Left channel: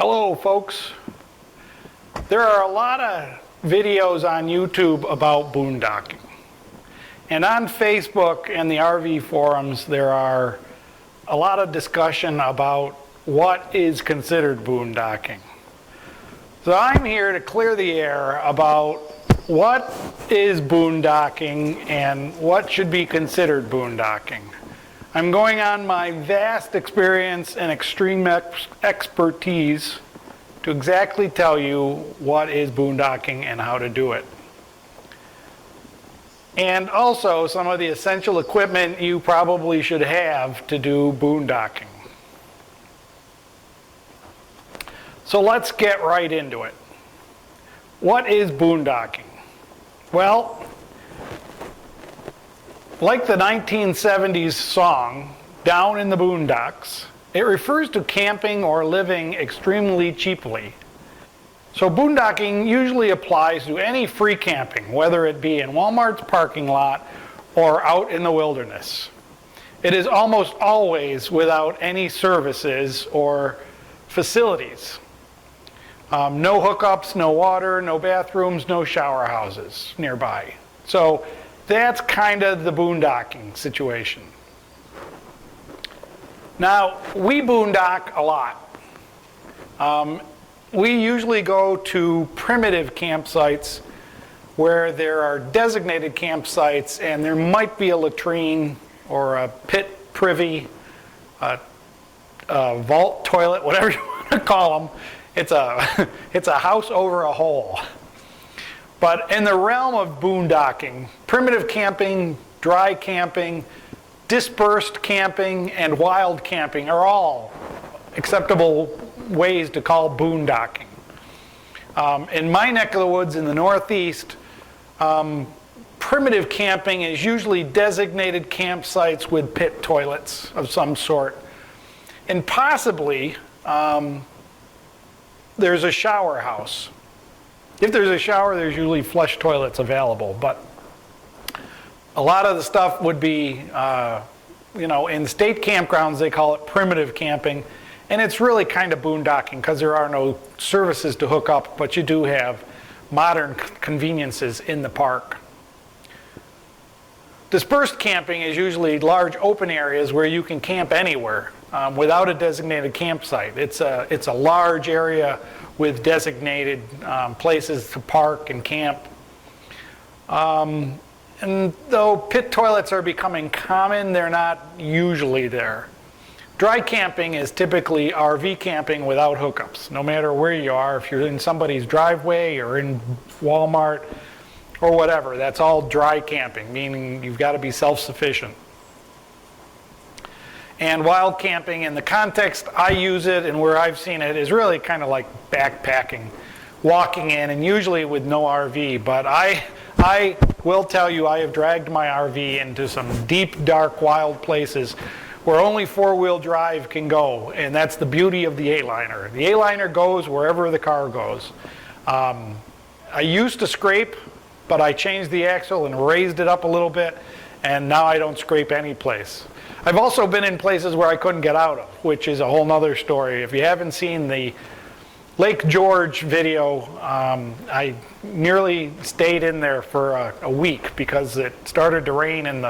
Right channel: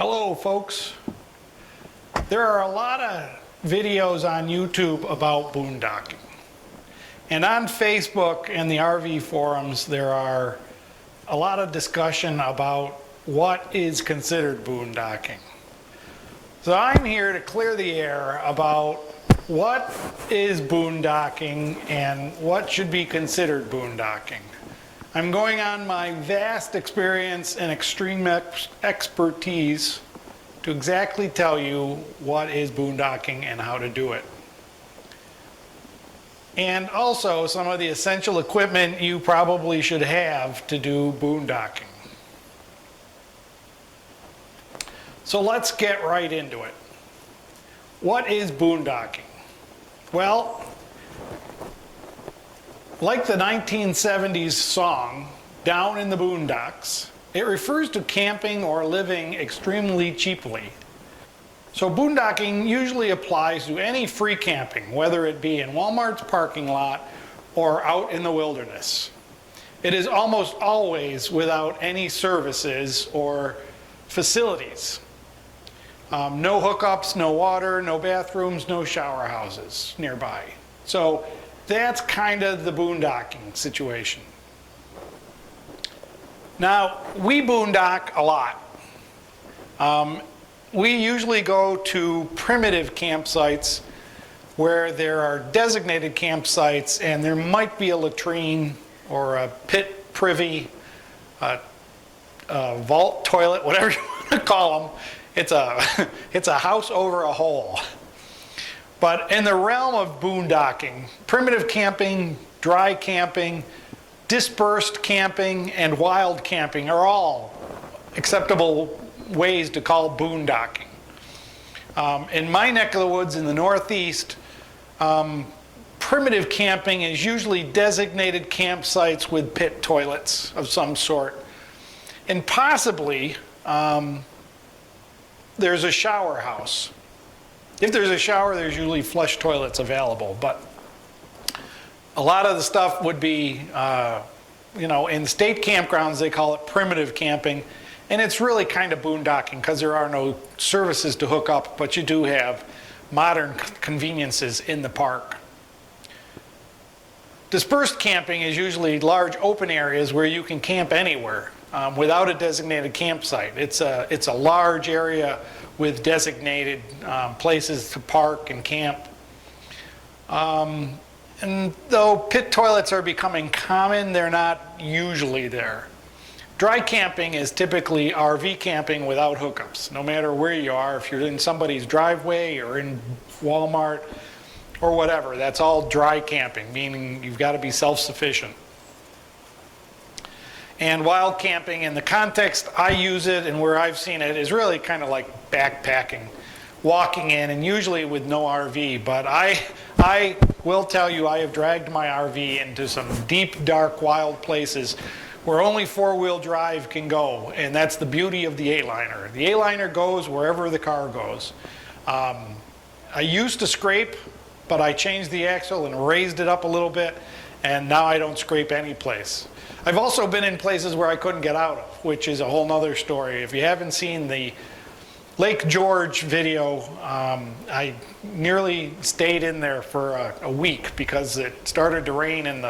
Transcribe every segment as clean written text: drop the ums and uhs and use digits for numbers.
Hello folks. There are a lot of videos on YouTube about boondocking. And on Facebook and the RV forums there are a lot of discussion about what is considered boondocking. So I'm here to clear the air about what is boondocking and what should be considered boondocking. I'm going on my vast experience and extreme expertise to exactly tell you what is boondocking and how to do it. And also some of the essential equipment you probably should have to do boondocking. So let's get right into it. What is boondocking? Well, like the 1970s song, Down in the Boondocks, it refers to camping or living extremely cheaply. So boondocking usually applies to any free camping, whether it be in Walmart's parking lot or out in the wilderness. It is almost always without any services or facilities. No hookups, no water, no bathrooms, no shower houses nearby. So that's kind of the boondocking situation. Now, we boondock a lot. We usually go to primitive campsites where there are designated campsites and there might be a latrine or a pit privy, a vault toilet, whatever you want to call them. It's a house over a hole. But in the realm of boondocking, primitive camping, dry camping, dispersed camping, and wild camping are all acceptable ways to call boondocking. In my neck of the woods in the Northeast, primitive camping is usually designated campsites with pit toilets of some sort. And possibly there's a shower house. If there's a shower, there's usually flush toilets available, but a lot of the stuff would be, in state campgrounds, they call it primitive camping, and it's really kind of boondocking because there are no services to hook up, but you do have modern conveniences in the park. Dispersed camping is usually large open areas where you can camp anywhere without a designated campsite. It's a large area with designated places to park and camp. And though pit toilets are becoming common, they're not usually there. Dry camping is typically RV camping without hookups. No matter where you are, if you're in somebody's driveway or in Walmart or whatever, that's all dry camping, meaning you've got to be self-sufficient. And wild camping, in the context I use it and where I've seen it, is really kind of like backpacking, walking in, and usually with no RV. But I will tell you, I have dragged my RV into some deep, dark, wild places where only four-wheel drive can go, and that's the beauty of the Aliner. The Aliner goes wherever the car goes. I used to scrape, but I changed the axle and raised it up a little bit, and now I don't scrape any place. I've also been in places where I couldn't get out of, which is a whole nother story. If you haven't seen the Lake George video, I nearly stayed in there for a week because it started to rain and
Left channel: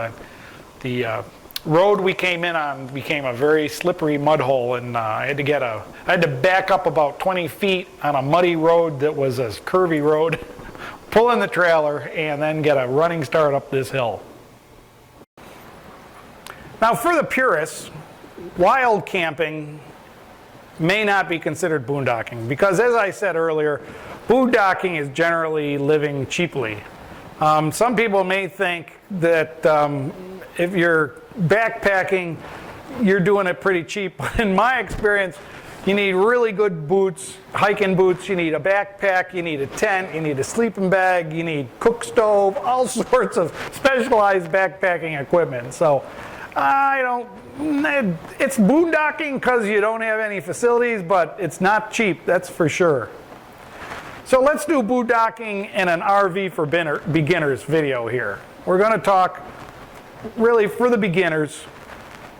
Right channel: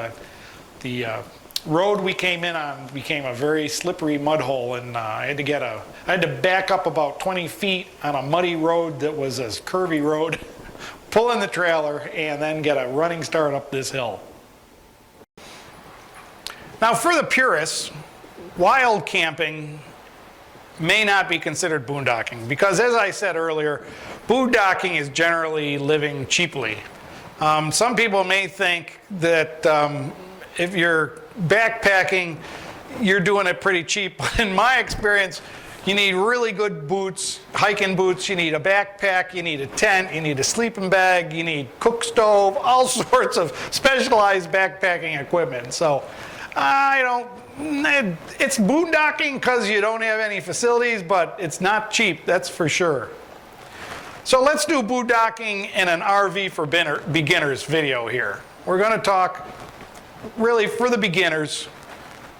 the road we came in on became a very slippery mud hole, and I had to back up about 20 feet on a muddy road that was a curvy road, pull in the trailer, and then get a running start up this hill. Now, for the purists, wild camping may not be considered boondocking because, as I said earlier, boondocking is generally living cheaply. Some people may think that if you're backpacking, you're doing it pretty cheap. In my experience, you need really good boots, hiking boots, you need a backpack, you need a tent, you need a sleeping bag, you need cook stove, all sorts of specialized backpacking equipment. So it's boondocking because you don't have any facilities, but it's not cheap, that's for sure. So let's do boondocking in an RV for beginners video here. We're going to talk really for the beginners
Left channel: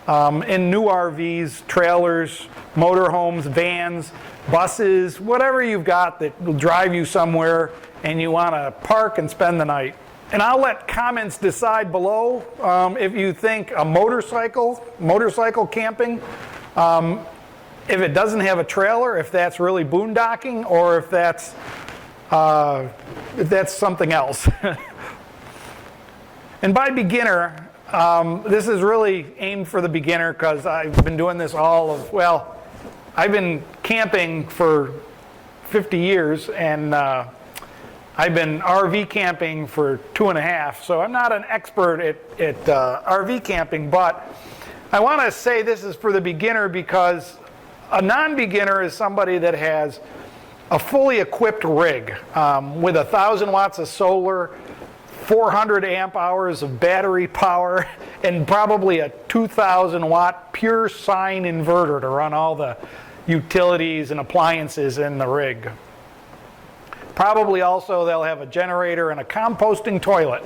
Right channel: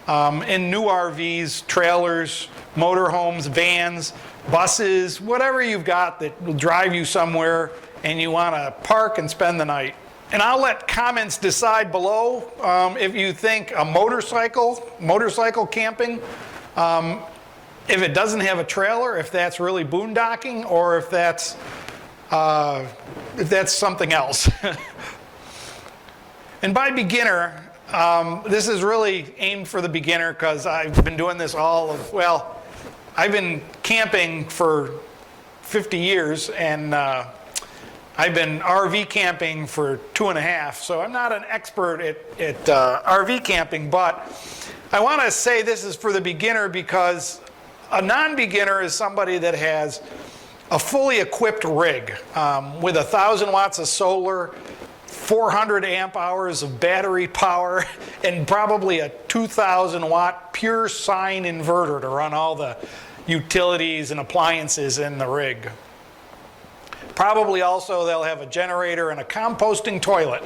in new RVs, trailers, motorhomes, vans, buses, whatever you've got that will drive you somewhere and you want to park and spend the night. And I'll let comments decide below if you think a motorcycle camping, if it doesn't have a trailer, if that's really boondocking, or if that's something else. And by beginner, this is really aimed for the beginner because I've been doing this I've been camping for 50 years and I've been RV camping for 2.5, so I'm not an expert at RV camping, but I want to say this is for the beginner because a non-beginner is somebody that has a fully equipped rig with 1,000 watts of solar, 400 amp hours of battery power, and probably a 2,000 watt pure sine inverter to run all the utilities and appliances in the rig. Probably also they'll have a generator and a composting toilet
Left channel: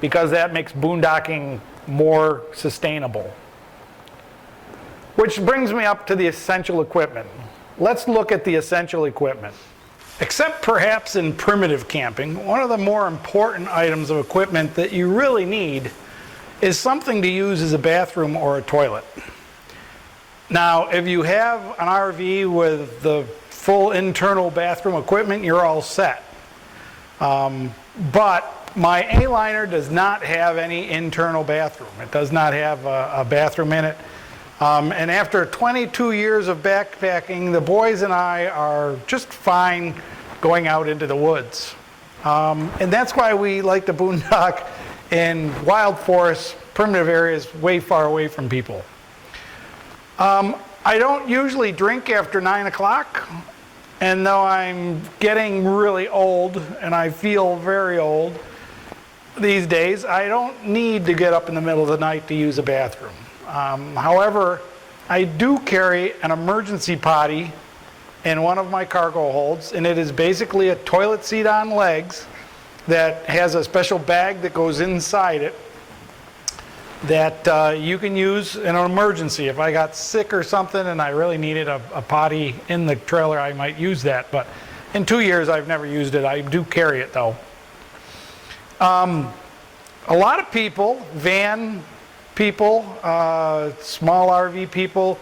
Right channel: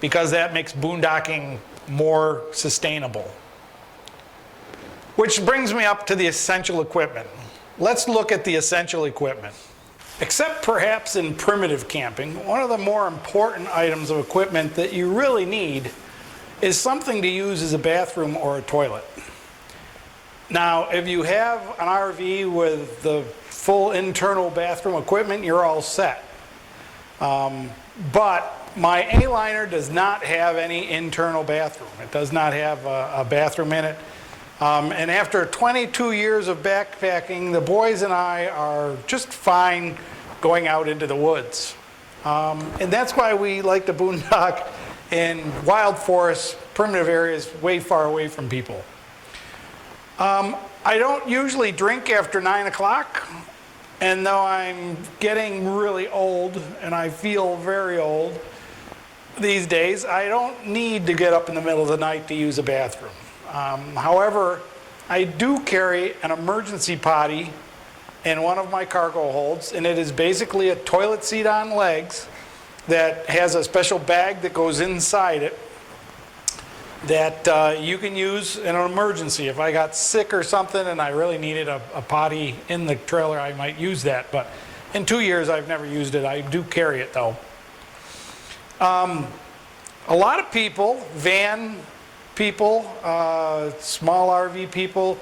because that makes boondocking more sustainable. Which brings me up to the essential equipment. Let's look at the essential equipment. Except perhaps in primitive camping, one of the more important items of equipment that you really need is something to use as a bathroom or a toilet. Now, if you have an RV with the full internal bathroom equipment, you're all set. But my A-liner does not have any internal bathroom. It does not have a bathroom in it. And after 22 years of backpacking, the boys and I are just fine going out into the woods. And that's why we like to boondock in wild forests, primitive areas, way far away from people. I don't usually drink after 9 o'clock, and though I'm getting really old, and I feel very old these days, I don't need to get up in the middle of the night to use a bathroom. However, I do carry an emergency potty in one of my cargo holds, and it is basically a toilet seat on legs that has a special bag that goes inside it that you can use in an emergency. If I got sick or something and I really needed a potty in the trailer, I might use that. But in 2 years, I've never used it. I do carry it, though. A lot of people, van people, small RV people,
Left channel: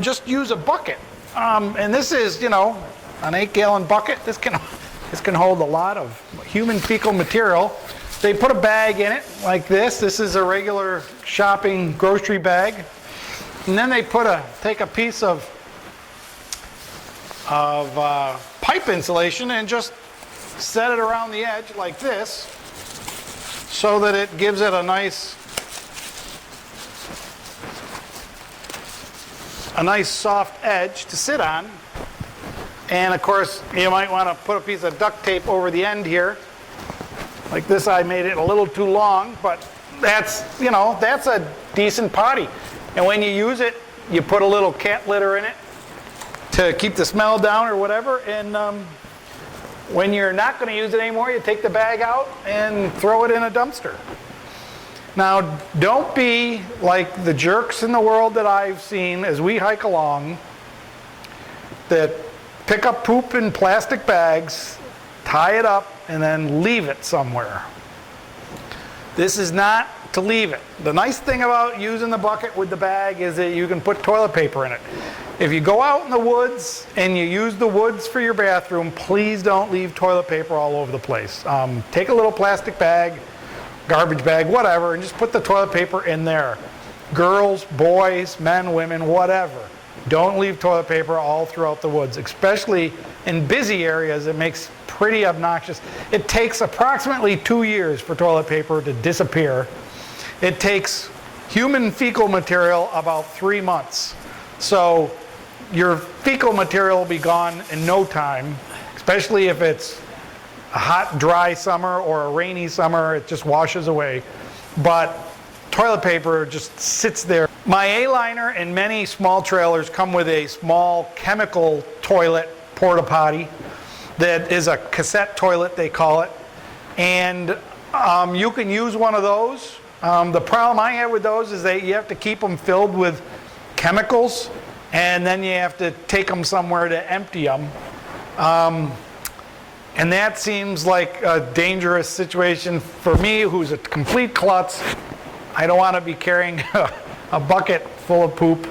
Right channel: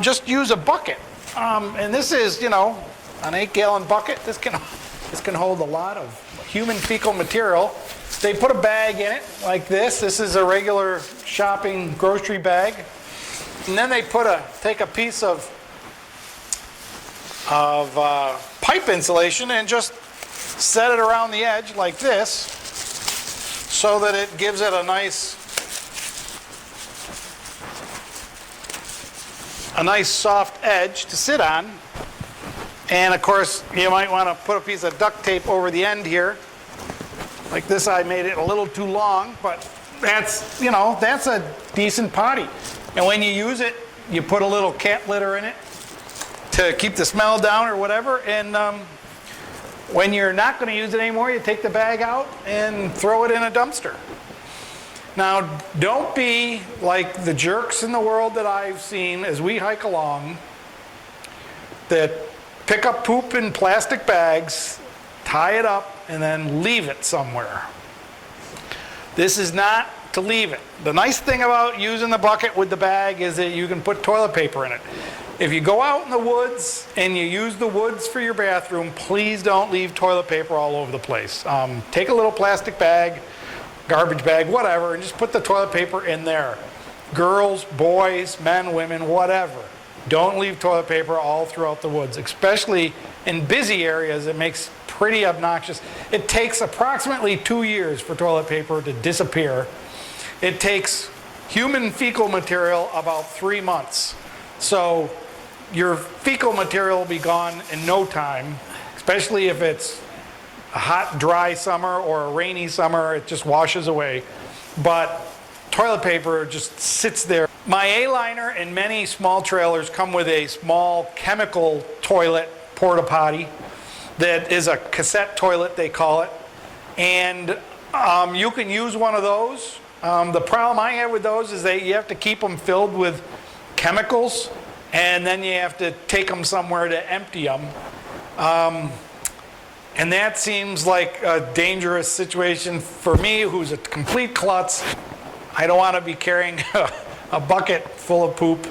just use a bucket. And this is, an 8-gallon bucket. This can hold a lot of human fecal material. They put a bag in it like this. This is a regular shopping grocery bag. And then they take a piece of pipe insulation and just set it around the edge like this so that it gives it a nice soft edge to sit on. And of course, you might want to put a piece of duct tape over the end here. Like this, I made it a little too long, but that's a decent potty. And when you use it, you put a little cat litter in it to keep the smell down or whatever. And when you're not going to use it anymore, you take the bag out and throw it in a dumpster. Now, don't be like the jerks in the world that I've seen as we hike along that pick up poop in plastic bags, tie it up, and then leave it somewhere. This is not to leave it. The nice thing about using the bucket with the bag is that you can put toilet paper in it. If you go out in the woods and you use the woods for your bathroom, please don't leave toilet paper all over the place. Take a little plastic bag, garbage bag, whatever, and just put the toilet paper in there. Girls, boys, men, women, whatever. Don't leave toilet paper all throughout the woods, especially in busy areas. It makes pretty obnoxious. It takes approximately 2 years for toilet paper to disappear. It takes human fecal material about 3 months. So your fecal material will be gone in no time, especially if it's a hot, dry summer or a rainy summer. It just washes away. But toilet paper just sits there. My A-liner and many small trailers come with a small chemical toilet porta potty that is a cassette toilet, they call it. And you can use one of those. The problem I have with those is that you have to keep them filled with chemicals and then you have to take them somewhere to empty them. And that seems like a dangerous situation for me, who's a complete klutz. I don't want to be carrying a bucket full of poop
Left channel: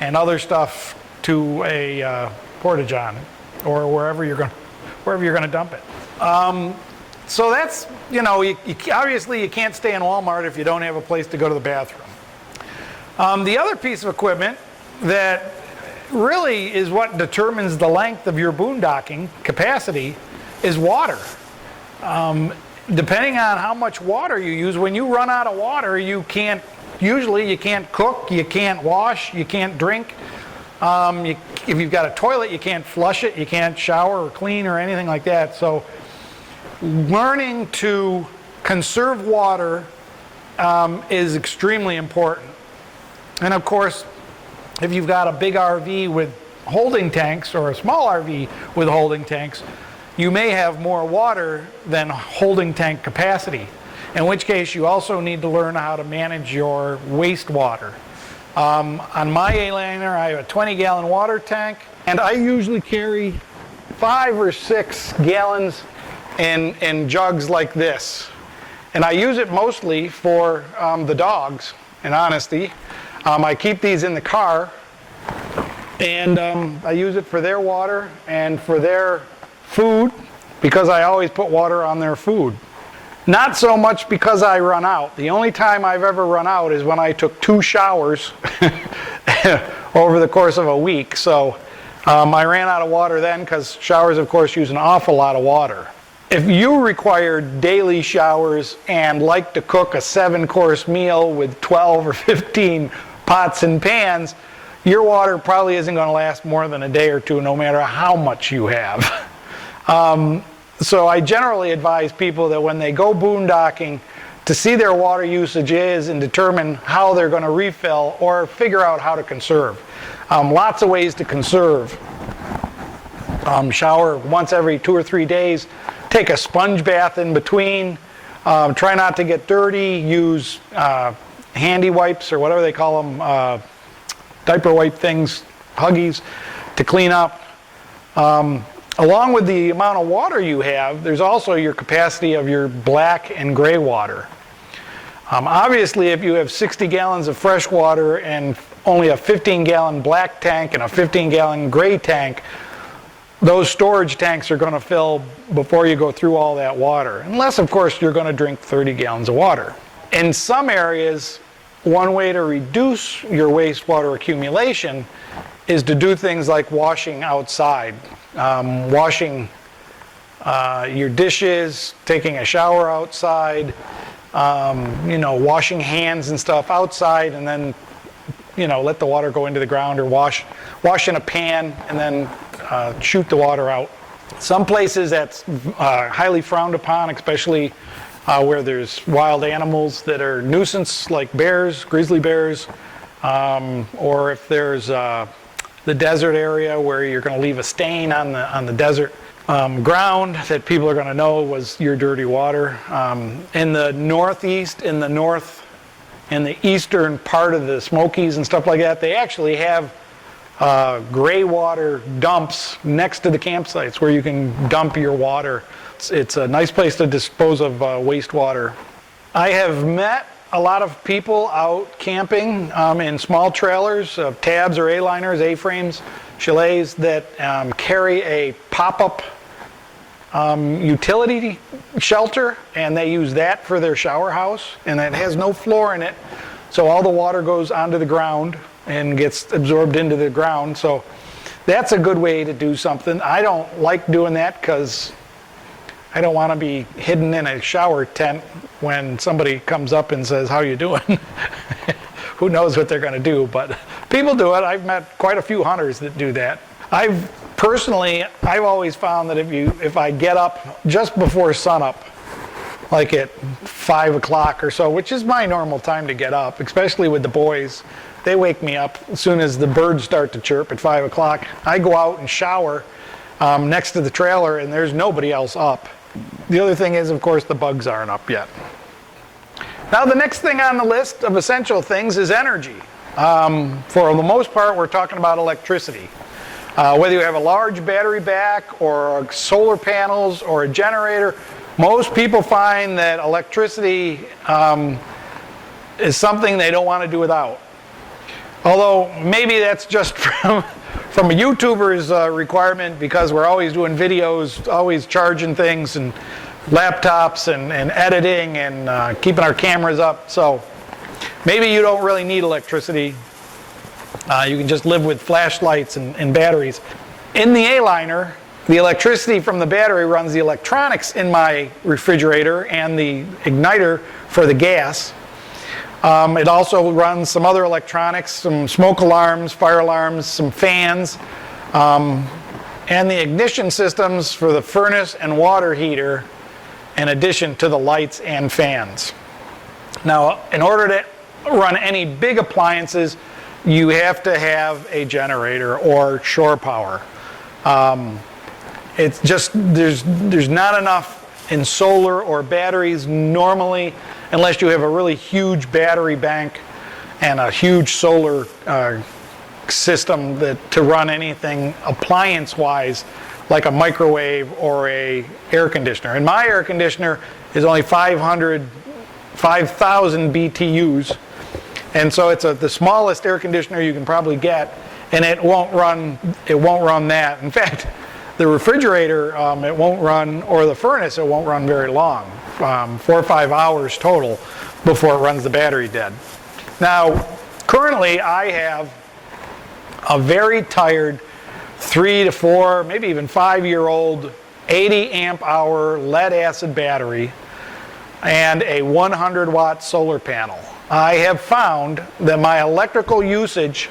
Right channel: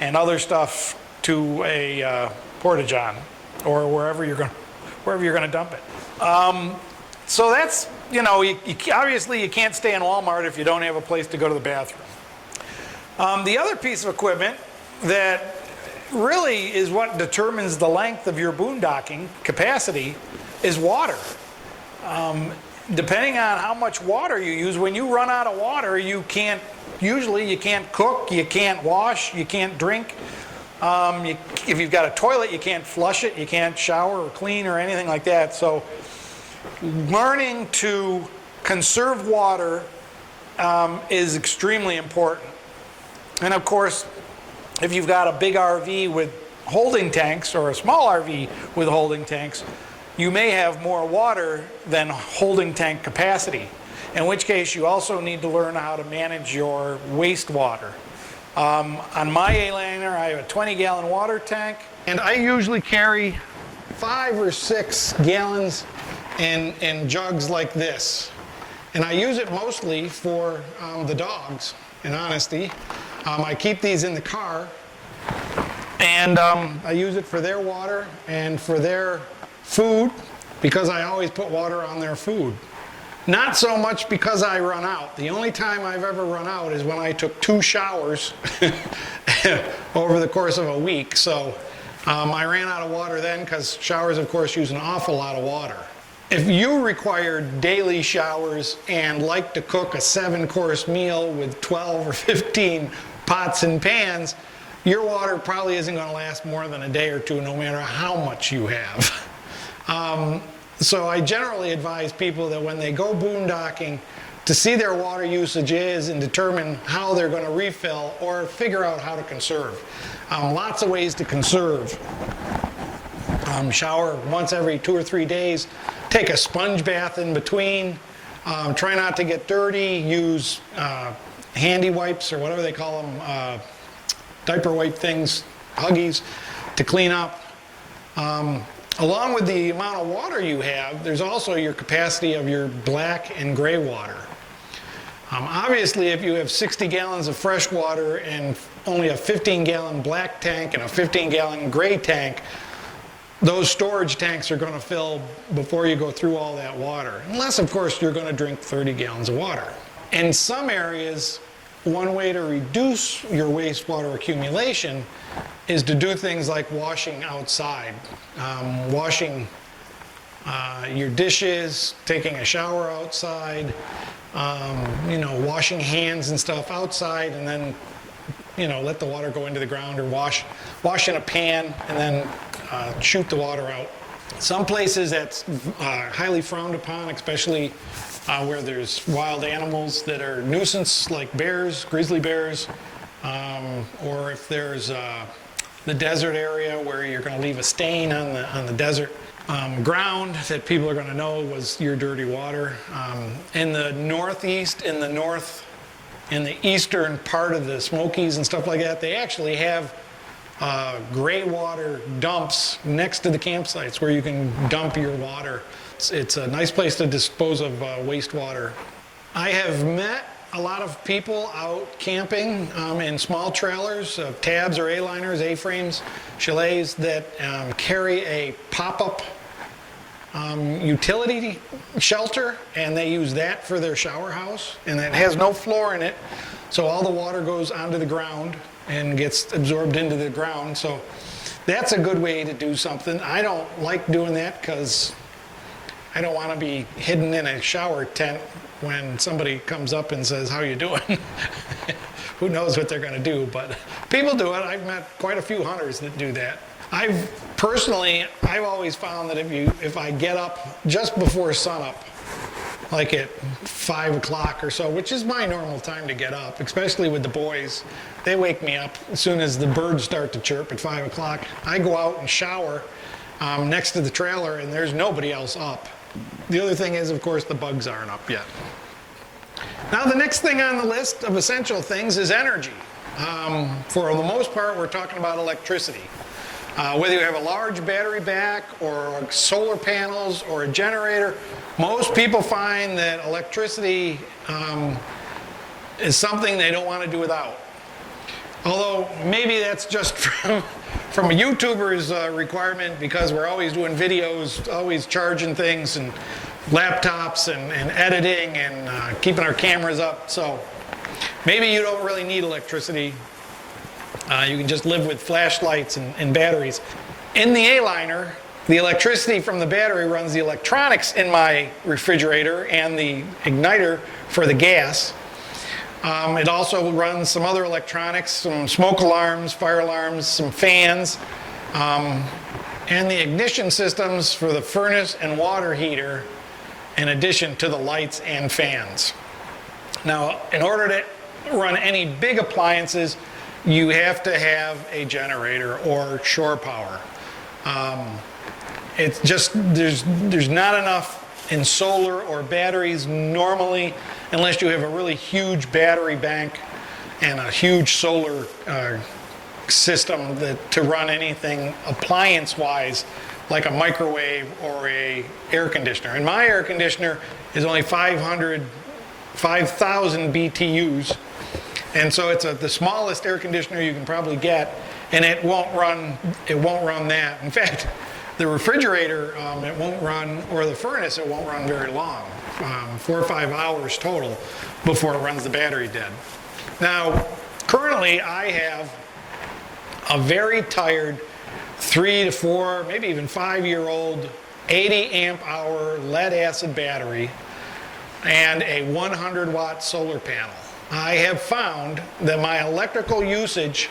and other stuff to a porta-john or wherever you're going to dump it. So that's, obviously you can't stay in Walmart if you don't have a place to go to the bathroom. The other piece of equipment that really is what determines the length of your boondocking capacity is water. Depending on how much water you use, when you run out of water, you can't cook, you can't wash, you can't drink. If you've got a toilet, you can't flush it, you can't shower or clean or anything like that. So learning to conserve water is extremely important. And of course, if you've got a big RV with holding tanks or a small RV with holding tanks, you may have more water than holding tank capacity, in which case you also need to learn how to manage your wastewater. On my Aliner, I have a 20-gallon water tank, and I usually carry 5 or 6 gallons in jugs like this. And I use it mostly for the dogs, in honesty. I keep these in the car, and I use it for their water and for their food, because I always put water on their food. Not so much because I run out. The only time I've ever run out is when I took 2 showers over the course of a week. So I ran out of water then, because showers, of course, use an awful lot of water. If you require daily showers and like to cook a 7-course meal with 12 or 15 pots and pans, your water probably isn't going to last more than a day or two, no matter how much you have. So I generally advise people that when they go boondocking, to see their water usage is and determine how they're going to refill or figure out how to conserve. Lots of ways to conserve. Shower once every 2 or 3 days. Take a sponge bath in between. Try not to get dirty. Use handy wipes, or whatever they call them, diaper wipe things, Huggies, to clean up. Along with the amount of water you have, there's also your capacity of your black and gray water. Obviously, if you have 60 gallons of fresh water and only a 15-gallon black tank and a 15-gallon gray tank, those storage tanks are going to fill before you go through all that water. Unless, of course, you're going to drink 30 gallons of water. In some areas, one way to reduce your wastewater accumulation is to do things like washing outside. Washing your dishes, taking a shower outside, washing hands and stuff outside, and then, let the water go into the ground, or wash in a pan and then shoot the water out. Some places that's highly frowned upon, especially where there's wild animals that are nuisance, like bears, grizzly bears, or if there's the desert area where you're going to leave a stain on the desert ground that people are going to know was your dirty water. In the Northeast, in the eastern part of the Smokies and stuff like that, they actually have gray water dumps next to the campsites where you can dump your water. It's a nice place to dispose of wastewater. I have met a lot of people out camping in small trailers, tabs or A-liners, A-frames, chalets that carry a Popup utility shelter, and they use that for their shower house, and it has no floor in it, so all the water goes onto the ground and gets absorbed into the ground. So that's a good way to do something. I don't like doing that because I don't want to be hidden in a shower tent when somebody comes up and says, "How you doing?" Who knows what they're going to do, but people do it. I've met quite a few hunters that do that. I've always found that if I get up just before sunup, like at 5 o'clock or so, which is my normal time to get up, especially with the boys, they wake me up as soon as the birds start to chirp at 5 o'clock. I go out and shower next to the trailer, and there's nobody else up. The other thing is, of course, the bugs aren't up yet. Now, the next thing on the list of essential things is energy. For the most part, we're talking about electricity. Whether you have a large battery back or solar panels or a generator, most people find that electricity is something they don't want to do without. Although maybe that's just from a YouTuber's requirement, because we're always doing videos, always charging things and laptops and editing and keeping our cameras up. So maybe you don't really need electricity. You can just live with flashlights and batteries. In the Aliner, the electricity from the battery runs the electronics in my refrigerator and the igniter for the gas. It also runs some other electronics, some smoke alarms, fire alarms, some fans, and the ignition systems for the furnace and water heater, in addition to the lights and fans. Now, in order to run any big appliances, you have to have a generator or shore power. It's just, there's not enough in solar or batteries normally, unless you have a really huge battery bank and a huge solar system to run anything appliance-wise, like a microwave or a air conditioner. And my air conditioner is only 5,000 BTUs, and so it's the smallest air conditioner you can probably get, and it won't run that. In fact, the refrigerator, it won't run, or the furnace, it won't run very long. 4 or 5 hours total before it runs the battery dead. Now, currently I have a very tired 3 to 4, maybe even 5-year-old 80 amp hour lead acid battery and a 100 watt solar panel. I have found that my electrical usage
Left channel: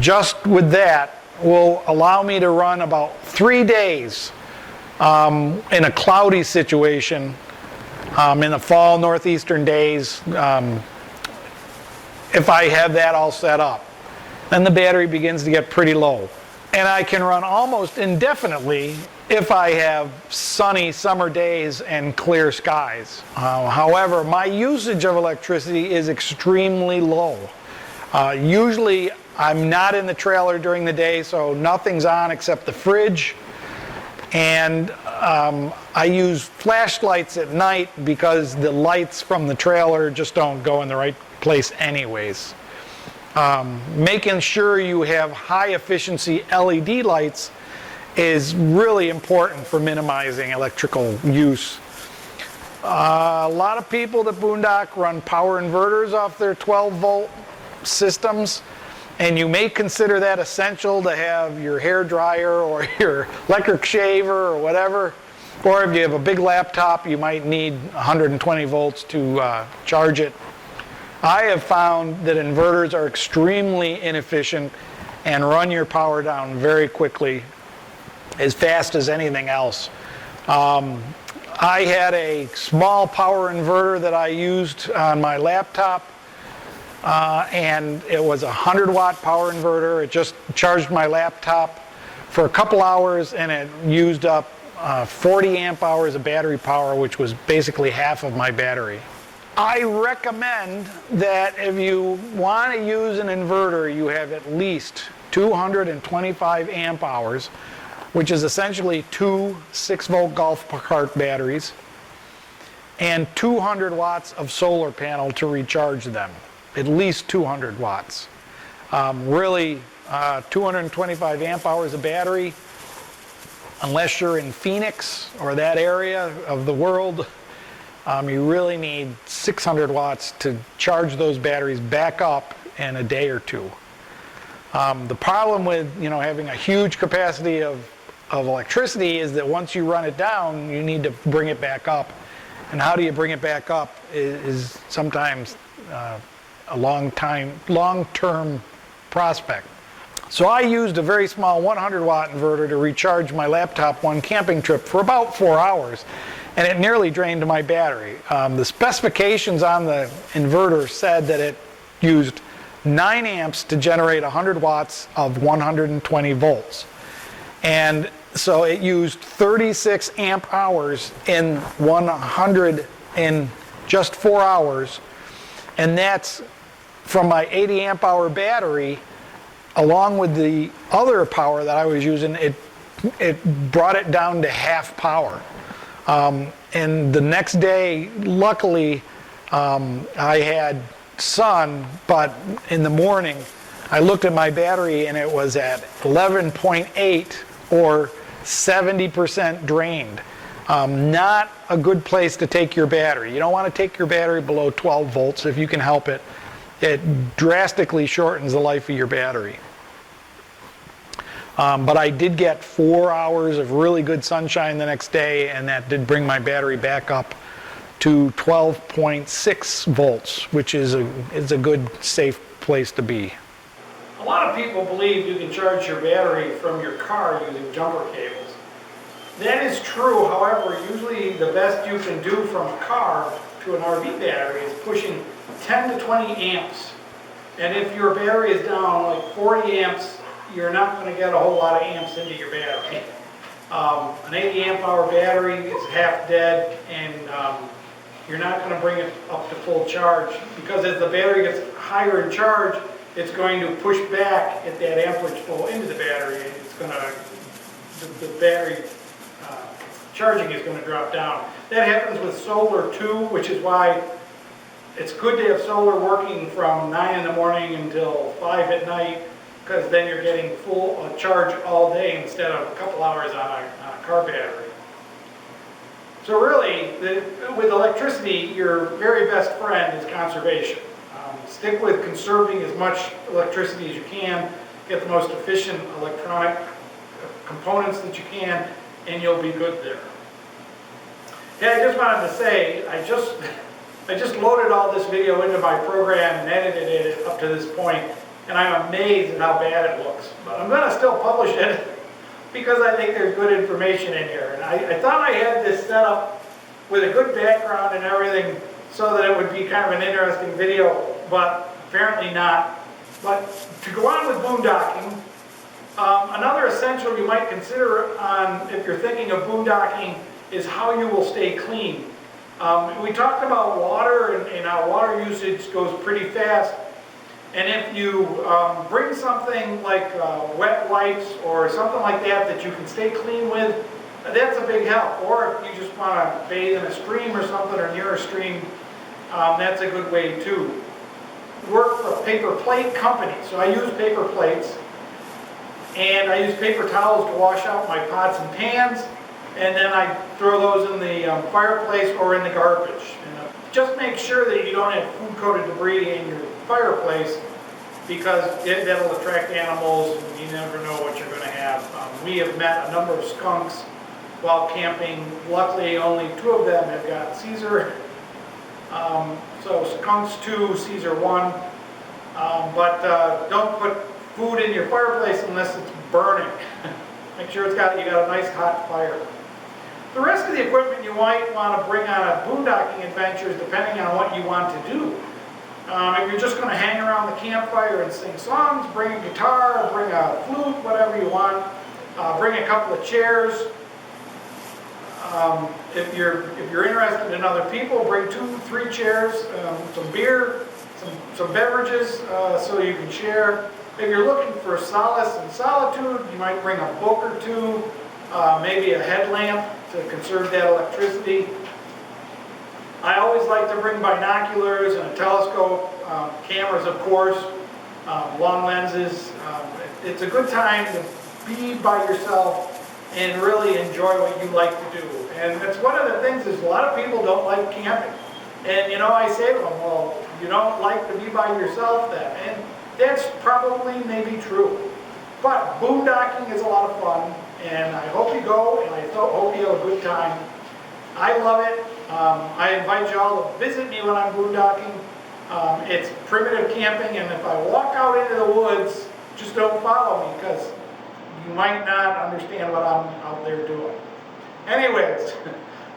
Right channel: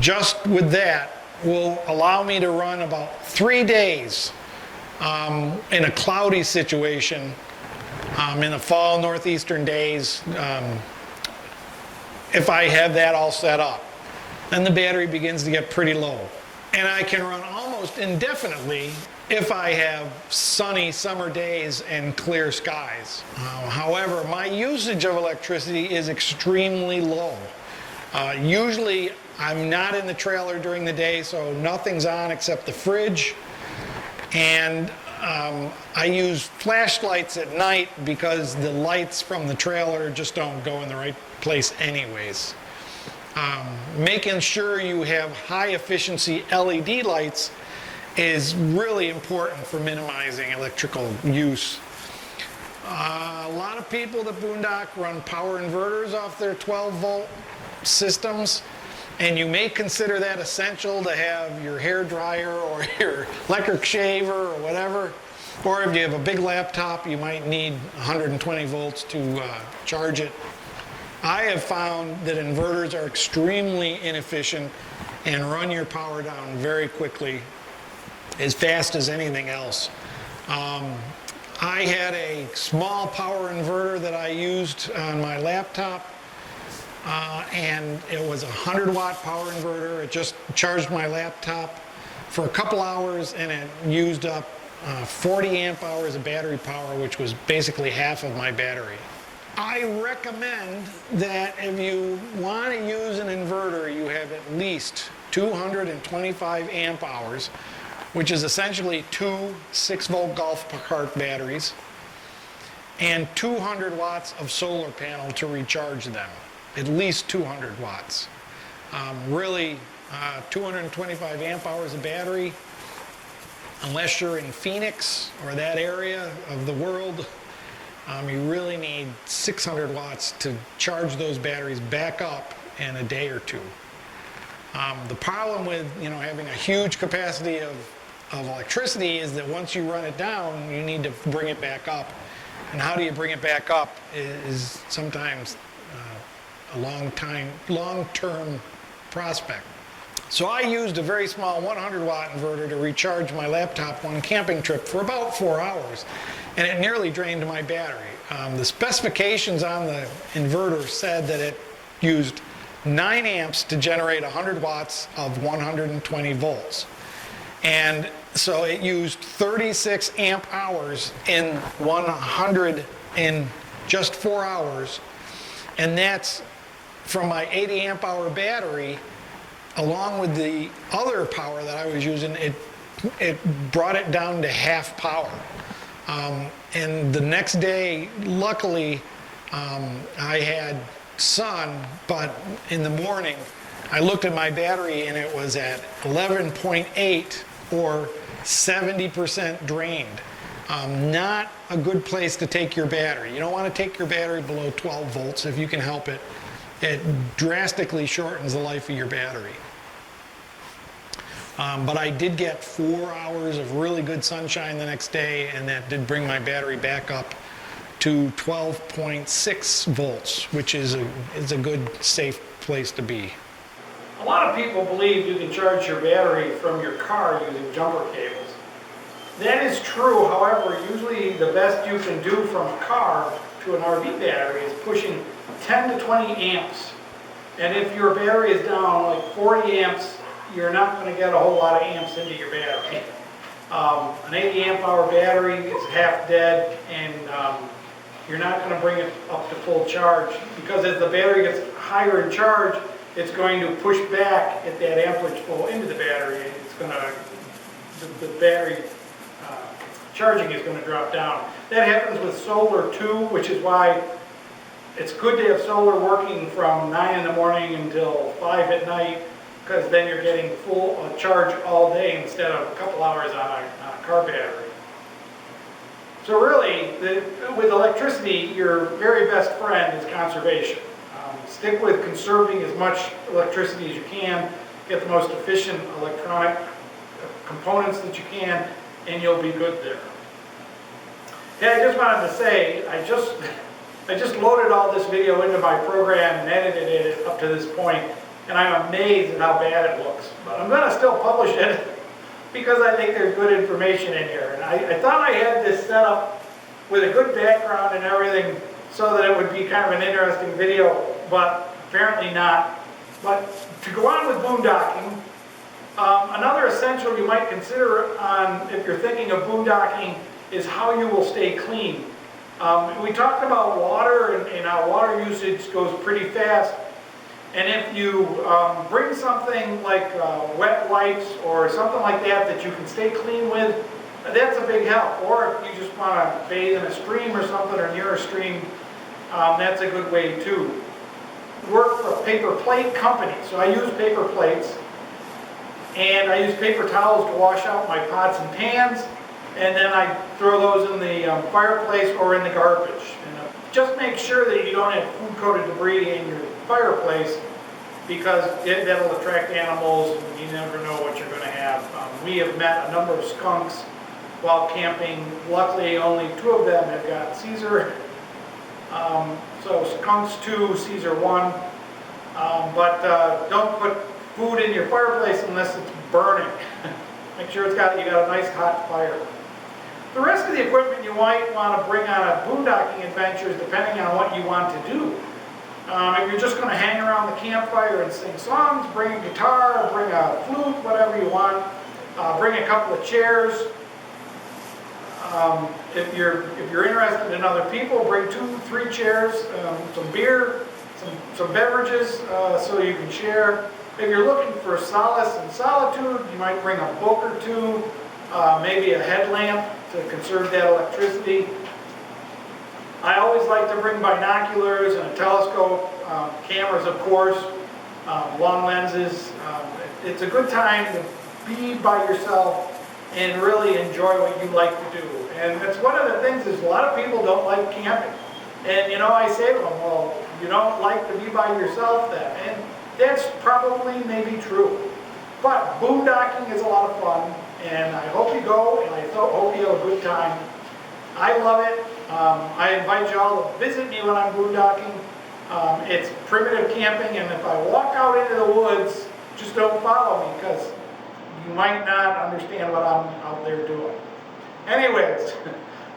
just with that will allow me to run about 3 days in a cloudy situation. In the fall, northeastern days, if I have that all set up, then the battery begins to get pretty low. And I can run almost indefinitely if I have sunny summer days and clear skies. However, my usage of electricity is extremely low. Usually, I'm not in the trailer during the day, so nothing's on except the fridge. And I use flashlights at night because the lights from the trailer just don't go in the right place anyways. Making sure you have high efficiency LED lights is really important for minimizing electrical use. A lot of people at Boondock run power inverters off their 12 volt systems. And you may consider that essential to have your hair dryer or your electric shaver or whatever. Or if you have a big laptop, you might need 120 volts to charge it. I have found that inverters are extremely inefficient and run your power down very quickly, as fast as anything else. I had a small power inverter that I used on my laptop. And it was a 100 watt power inverter. It just charged my laptop for a couple hours, and it used up 40 amp hours of battery power, which was basically half of my battery. I recommend that if you want to use an inverter, you have at least 225 amp hours, which is essentially 2 6-volt golf cart batteries, and 200 watts of solar panel to recharge them. At least 200 watts. Really, 225 amp hours of battery, unless you're in Phoenix or that area of the world, you really need 600 watts to charge those batteries back up in a day or two. The problem with having a huge capacity of electricity is that once you run it down, you need to bring it back up. And how do you bring it back up is sometimes a long-term prospect. So I used a very small 100 watt inverter to recharge my laptop one camping trip for about 4 hours, and it nearly drained my battery. The specifications on the inverter said that it used 9 amps to generate 100 watts of 120 volts. And so it used 36 amp hours in 100 in just 4 hours, and that's from my 80 amp hour battery, along with the other power that I was using, it brought it down to half power. And the next day, luckily, I had sun, but in the morning, I looked at my battery and it was at 11.8 or 70% drained. Not a good place to take your battery. You don't want to take your battery below 12 volts if you can help it. It drastically shortens the life of your battery. But I did get 4 hours of really good sunshine the next day, and that did bring my battery back up to 12.6 volts, which is a good, safe place to be. A lot of people believe you can charge your battery from your car using jumper cables. That is true, however, usually the best you can do from a car to an RV battery is pushing 10 to 20 amps. And if your battery is down like 40 amps, you're not going to get a whole lot of amps into your battery. An 80 amp hour battery is half dead, and you're not going to bring it up to full charge, because as the battery gets higher in charge, it's going to push back at that amperage flow into the battery, and it's going to, the battery charging is going to drop down. That happens with solar too, which is why it's good to have solar working from 9 in the morning until 5 at night, because then you're getting full charge all day instead of a couple hours on a car battery. So really, with electricity, your very best friend is conservation. Stick with conserving as much electricity as you can, get the most efficient electronic components that you can, and you'll be good there. Okay, I just wanted to say, I just loaded all this video into my program and edited it up to this point, and I'm amazed at how bad it looks. But I'm going to still publish it because I think there's good information in here. And I thought I had this set up with a good background and everything so that it would be kind of an interesting video, but apparently not. But to go on with boondocking, another essential you might consider if you're thinking of boondocking is how you will stay clean. We talked about water and how water usage goes pretty fast. And if you bring something like wet wipes or something like that you can stay clean with, that's a big help. Or if you just want to bathe in a stream or something, or near a stream, that's a good way too. Work for a paper plate company, so I use paper plates, and I use paper towels to wash out my pots and pans, and then I throw those in the fireplace or in the garbage. And just make sure that you don't have food-coated debris in your fireplace, because that'll attract animals, and you never know what you're going to have. We have met a number of skunks while camping. Luckily, only 2 of them have got Caesar. So skunks 2, Caesar 1. But don't put food in your fireplace unless it's burning. Make sure you got a nice hot fire. The rest of the equipment you might want to bring on a boondocking adventures depending on what you want to do. If you're just going to hang around the campfire and sing songs, bring a guitar, bring a flute, whatever you want. Bring a couple of chairs. If you're interested in other people, bring 2, 3 chairs, some beer, some beverages, so you can share. If you're looking for solace and solitude, you might bring a book or 2, maybe a headlamp to conserve that electricity. I always like to bring binoculars and a telescope, cameras of course, long lenses. It's a good time to be by yourself and really enjoy what you like to do. And that's one of the things is a lot of people don't like camping. And I say to them, well, you don't like to be by yourself then. And that's probably maybe true. But boondocking is a lot of fun, and I hope you go, and I hope you have a good time. I love it. I invite you all to visit me when I'm boondocking. It's primitive camping, and if I walk out into the woods, just don't follow me, because you might not understand what I'm out there doing. Anyways,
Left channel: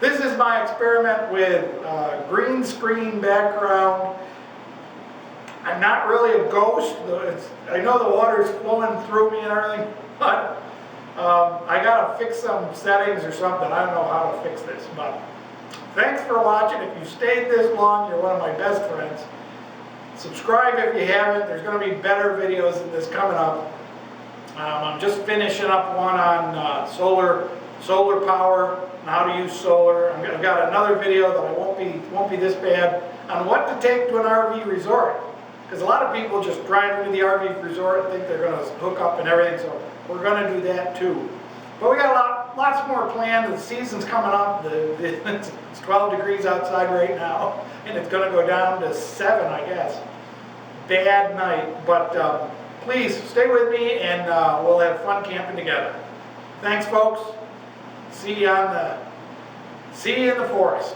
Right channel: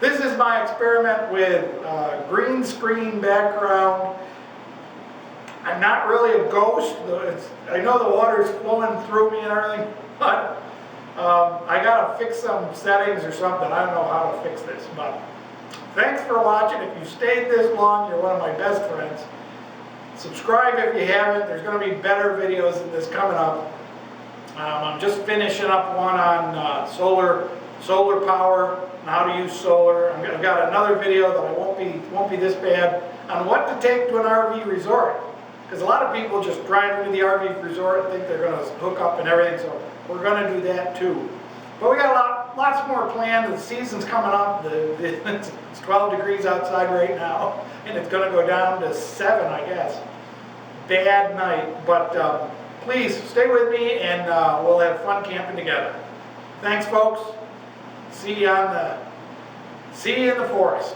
this is my experiment with green screen background. I'm not really a ghost. I know the water's flowing through me and everything, but I gotta fix some settings or something. I don't know how to fix this, but thanks for watching. If you stayed this long, you're one of my best friends. Subscribe if you haven't. There's going to be better videos than this coming up. I'm just finishing up one on solar power and how to use solar. I've got another video that I won't be this bad on what to take to an RV resort. Because a lot of people just drive into the RV resort and think they're going to hook up and everything, so we're going to do that too. But we got lots more planned. The season's coming up. It's 12 degrees outside right now, and it's going to go down to 7, I guess. Bad night, but please stay with me, and we'll have fun camping together. Thanks, folks. See you in the forest.